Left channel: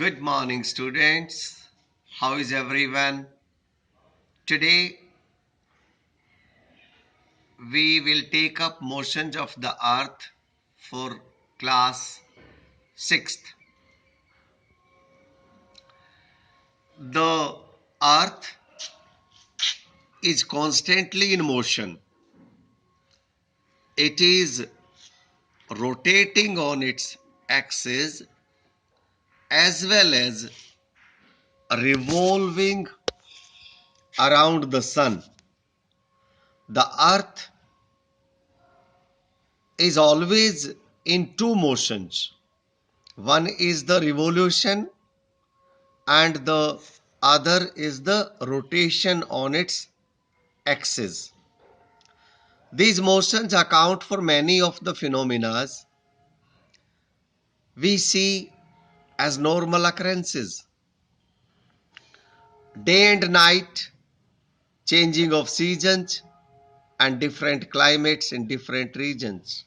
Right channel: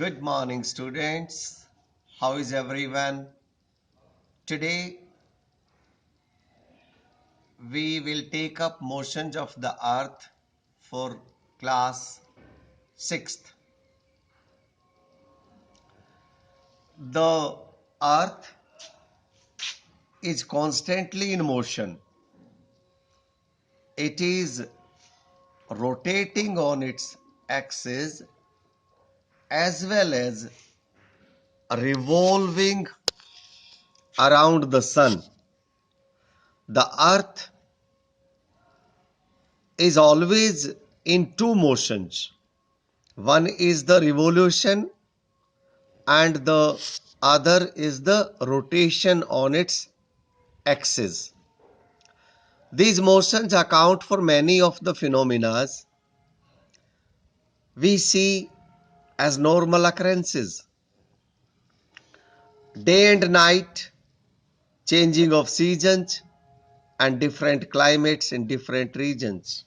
Good morning, students. How is everyone? Today we will take up motions of the earth for class 6th. The earth is constantly in motion. It is rotating on its axis as well as revolving around the sun. The earth is always in two motions. One is the revolution and the other is the rotation on its axis. These motions account for many of the phenomena we see as normal occurrences. Day and night, changing of seasons, and different climates in different regions.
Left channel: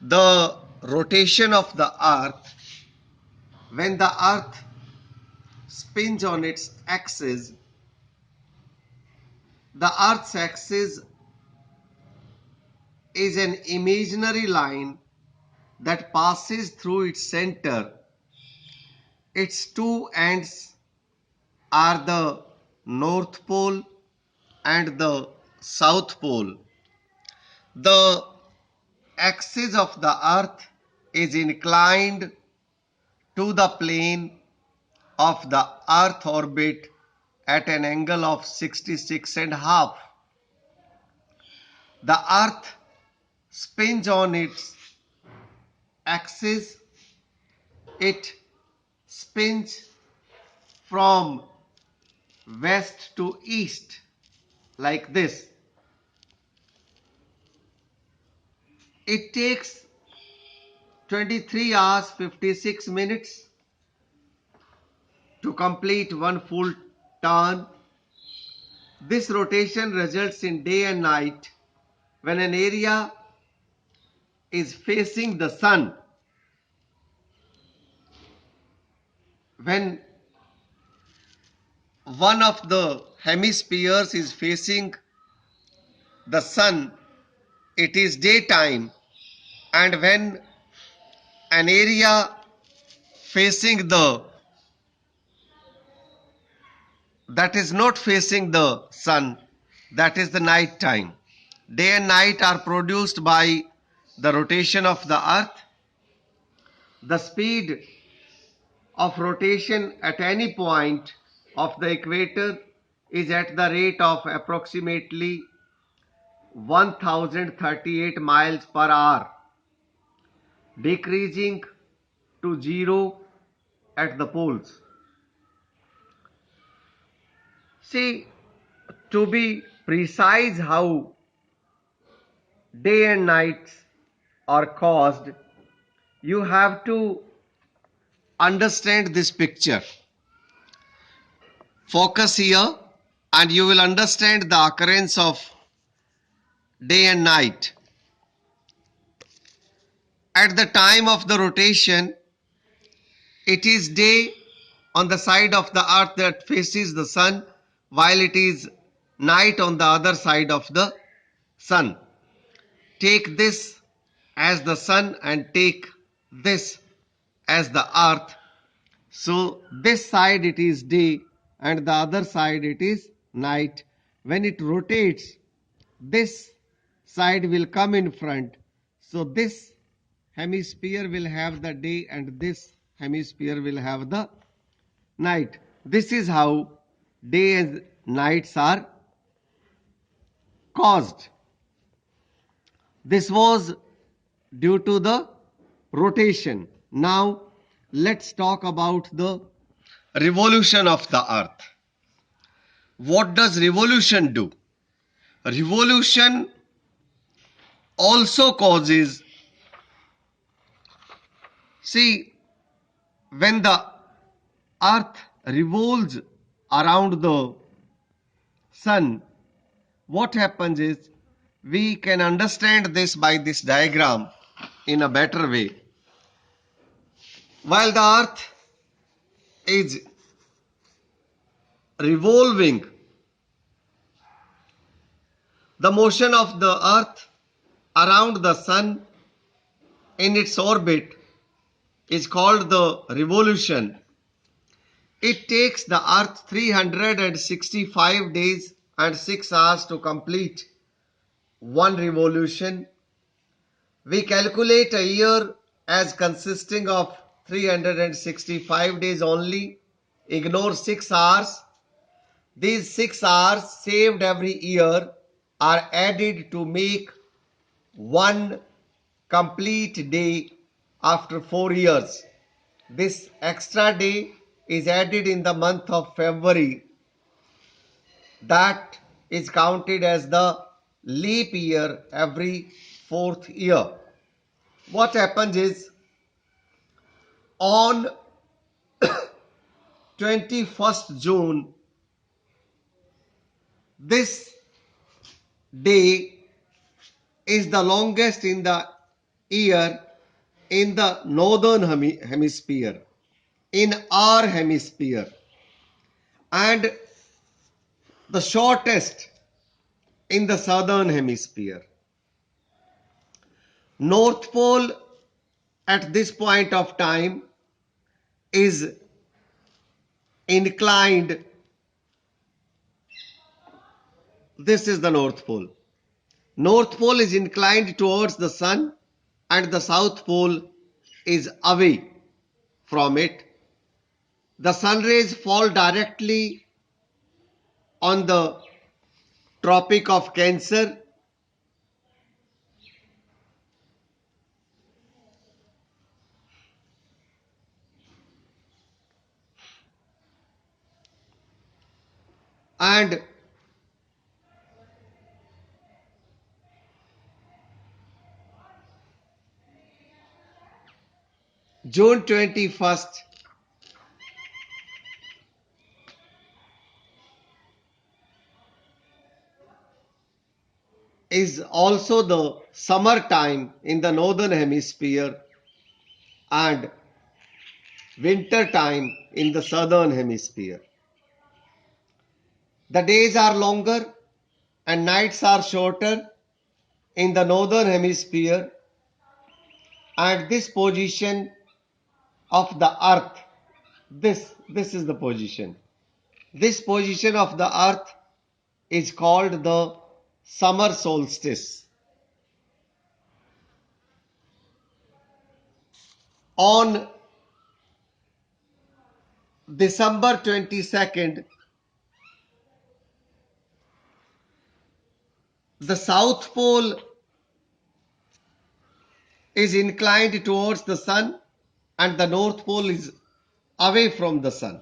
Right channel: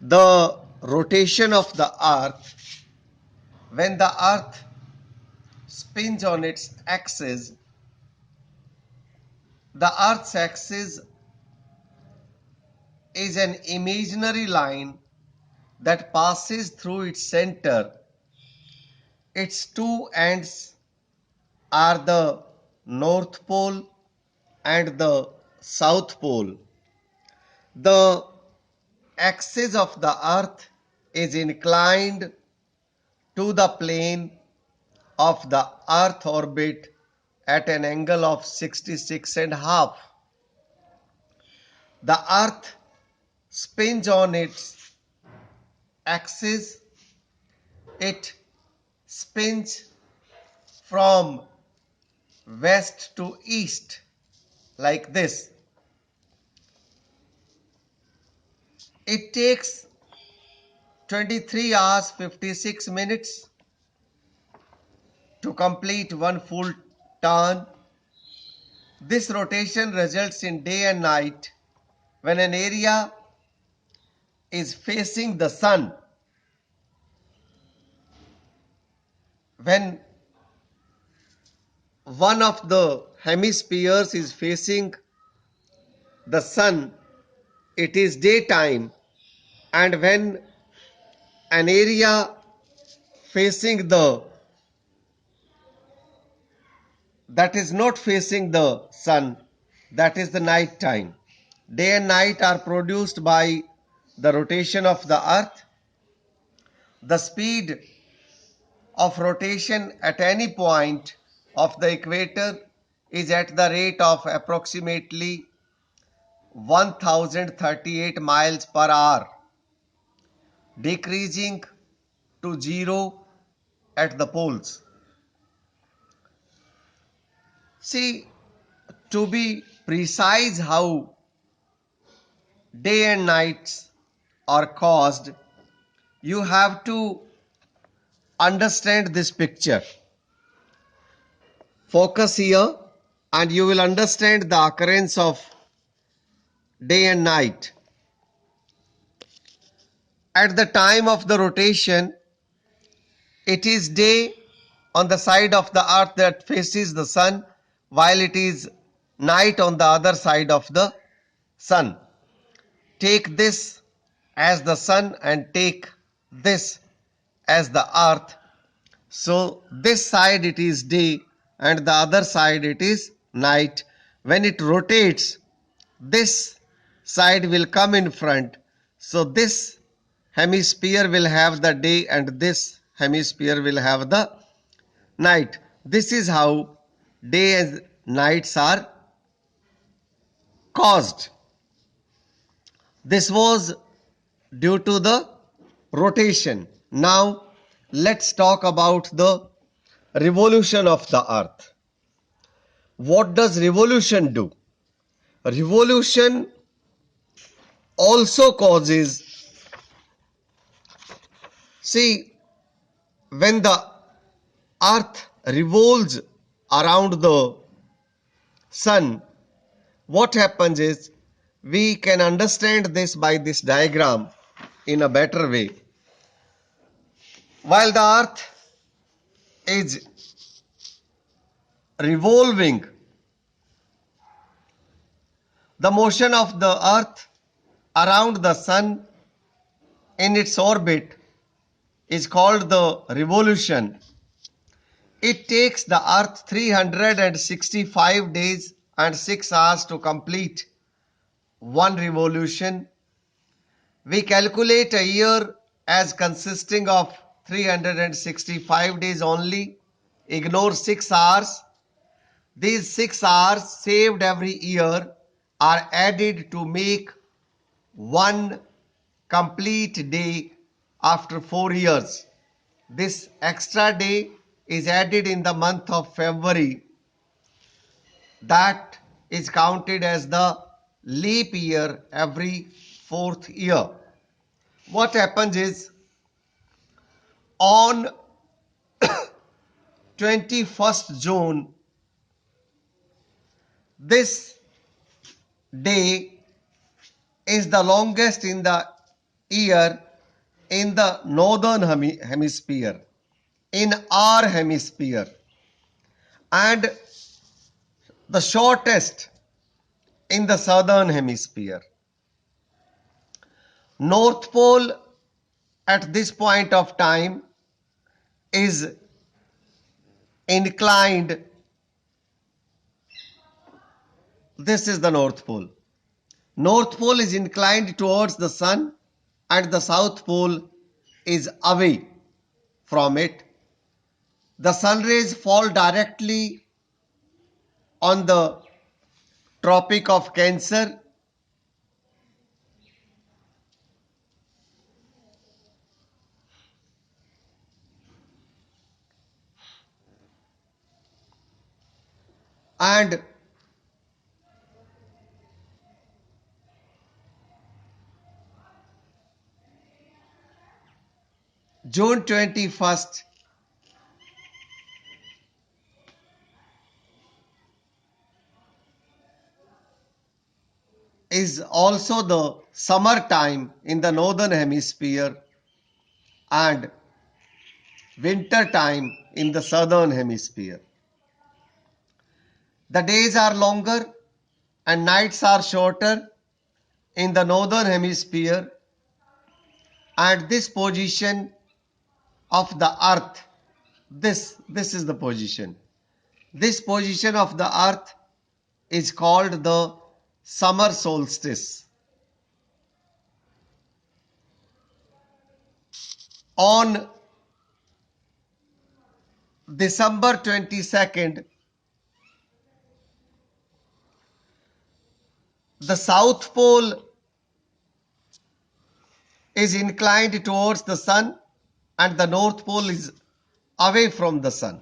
The rotation of the earth, when the earth spins on its axis, the earth's axis is an imaginary line that passes through its center. Its two ends are the North Pole and the South Pole. The axis of the earth is inclined to the plane of the earth orbit at an angle of 66.5. The earth spins on its axis. It spins from west to east like this. It takes 23 hours 56 minutes to complete one full turn. This rotation results in day and night when an area is facing the sun. When one of the hemispheres is facing the sun, it is daytime, and when an area facing the that is not facing the sun, that is the night time. Day and night are produced by the rotation of the earth. The speed of rotation at any point of the equator is at the rate of approximately 1038 miles per hour, decreasing to zero at the poles. See, to be precise how day and nights are caused, you have to understand this picture. Focus here and you will understand the occurrence of day and night. At the time of the rotation, it is day on the side of the earth that faces the sun, while it is night on the other side of the sun. Take this as the sun and take this as the earth. So this side it is day and the other side it is night. When it rotates, this side will come in front. So this hemisphere will have the day and this hemisphere will have the night. This is how day and nights are caused. This was due to the rotation. Now let's talk about the revolution of the earth. What does revolution do? Revolution also causes, see, when the earth revolves around the sun, what happens is we can understand this by this diagram in a better way. While the earth is revolving, the motion of the earth around the sun in its orbit is called the revolution. It takes the earth 365 days and 6 hours to complete one revolution. We calculate a year as consisting of 365 days only. Ignore 6 hours. These 6 hours saved every year are added to make one complete day after 4 years. This extra day is added in the month of February. That is counted as the leap year every 4th year. What happens is, on 21st June, this day is the longest in the year in the northern hemisphere, in our hemisphere, and the shortest in the southern hemisphere. North Pole at this point of time is inclined. This is the North Pole. North Pole is inclined towards the sun and the South Pole is away from it. The sun rays fall directly on the Tropic of Cancer, and June 21st is also the summer time in the northern hemisphere and winter time in the southern hemisphere. The days are longer and nights are shorter in the northern hemisphere, and this position of the earth, this is the position. This position of the earth is called the summer solstice. On December 22nd, the South Pole is inclined towards the sun and the North Pole is away from the sun.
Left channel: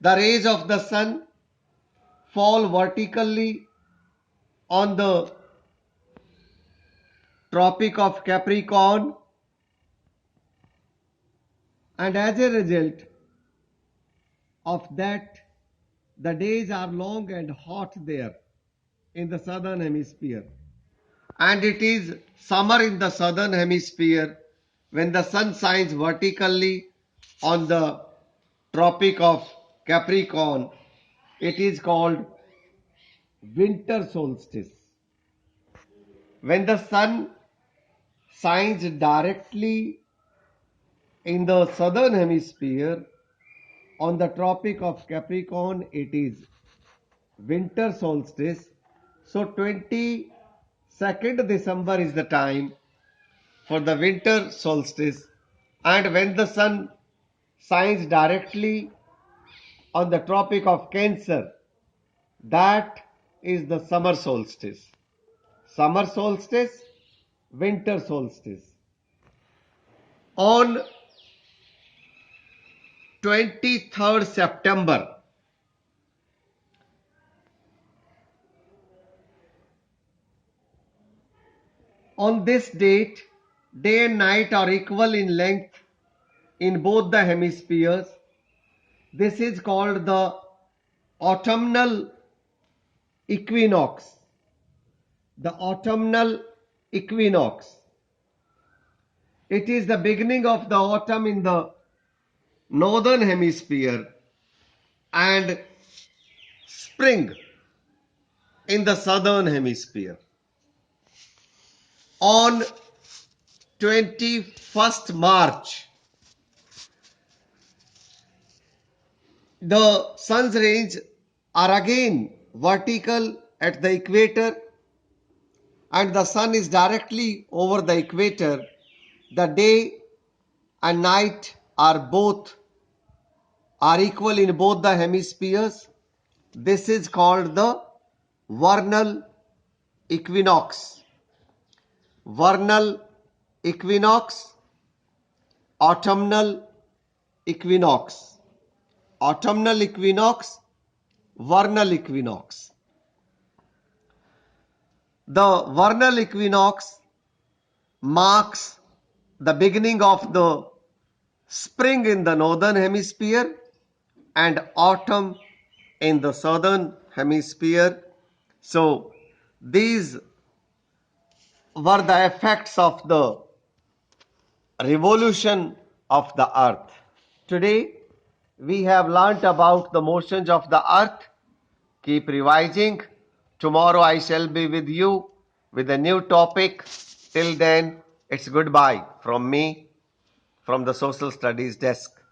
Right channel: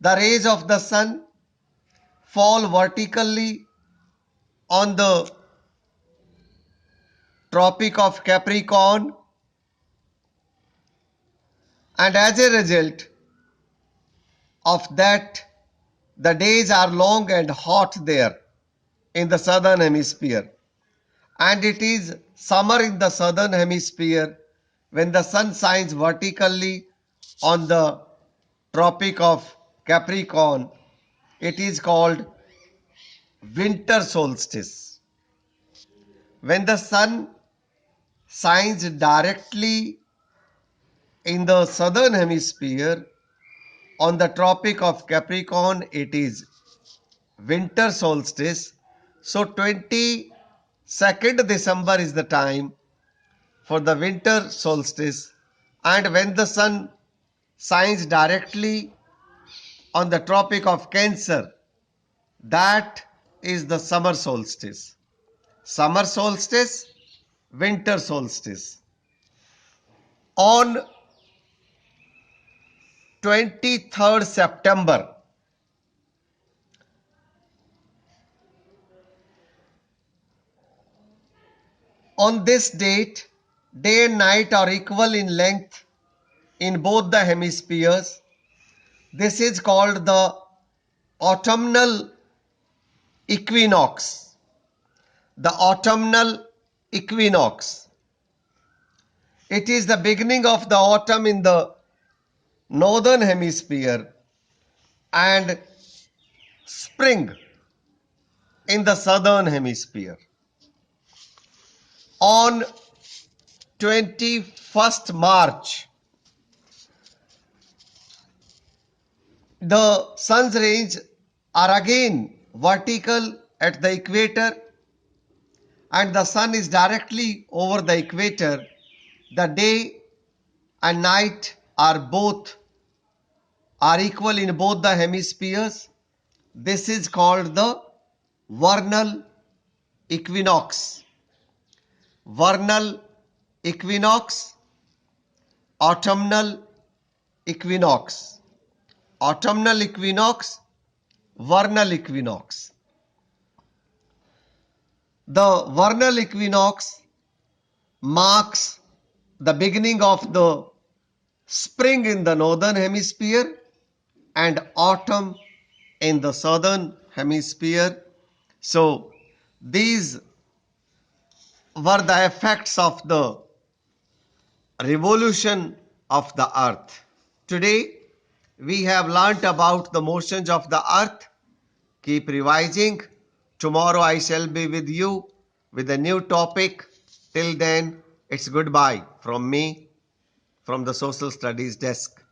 The rays of the sun fall vertically on the Tropic of Capricorn, and as a result of that, the days are long and hot there in the southern hemisphere, and it is summer in the southern hemisphere when the sun shines vertically on the Tropic of Capricorn. It is called winter solstice. When the sun shines directly in the southern hemisphere on the Tropic of Capricorn, it is winter solstice. So 22nd December is the time for the winter solstice, and when the sun shines directly on the Tropic of Cancer, that is the summer solstice. Summer solstice, winter solstice. On 23rd September, on this date, day and night are equal in length in both the hemispheres. This is called the autumnal equinox. The autumnal equinox. It is the beginning of the autumn in the northern hemisphere and spring in the southern hemisphere. On 21st March, the sun's rays are again vertical at the equator, and the sun is directly over the equator. The day and night are equal in both the hemispheres. This is called the vernal equinox. Vernal equinox, autumnal equinox. Autumnal equinox, vernal equinox. The vernal equinox marks the beginning of the spring in the northern hemisphere and autumn in the southern hemisphere. So these were the effects of the revolution of the earth. Today we have learnt about the motions of the earth. Keep revising. Tomorrow I shall be with you with a new topic. Till then, it's goodbye from me, from the Social Studies desk.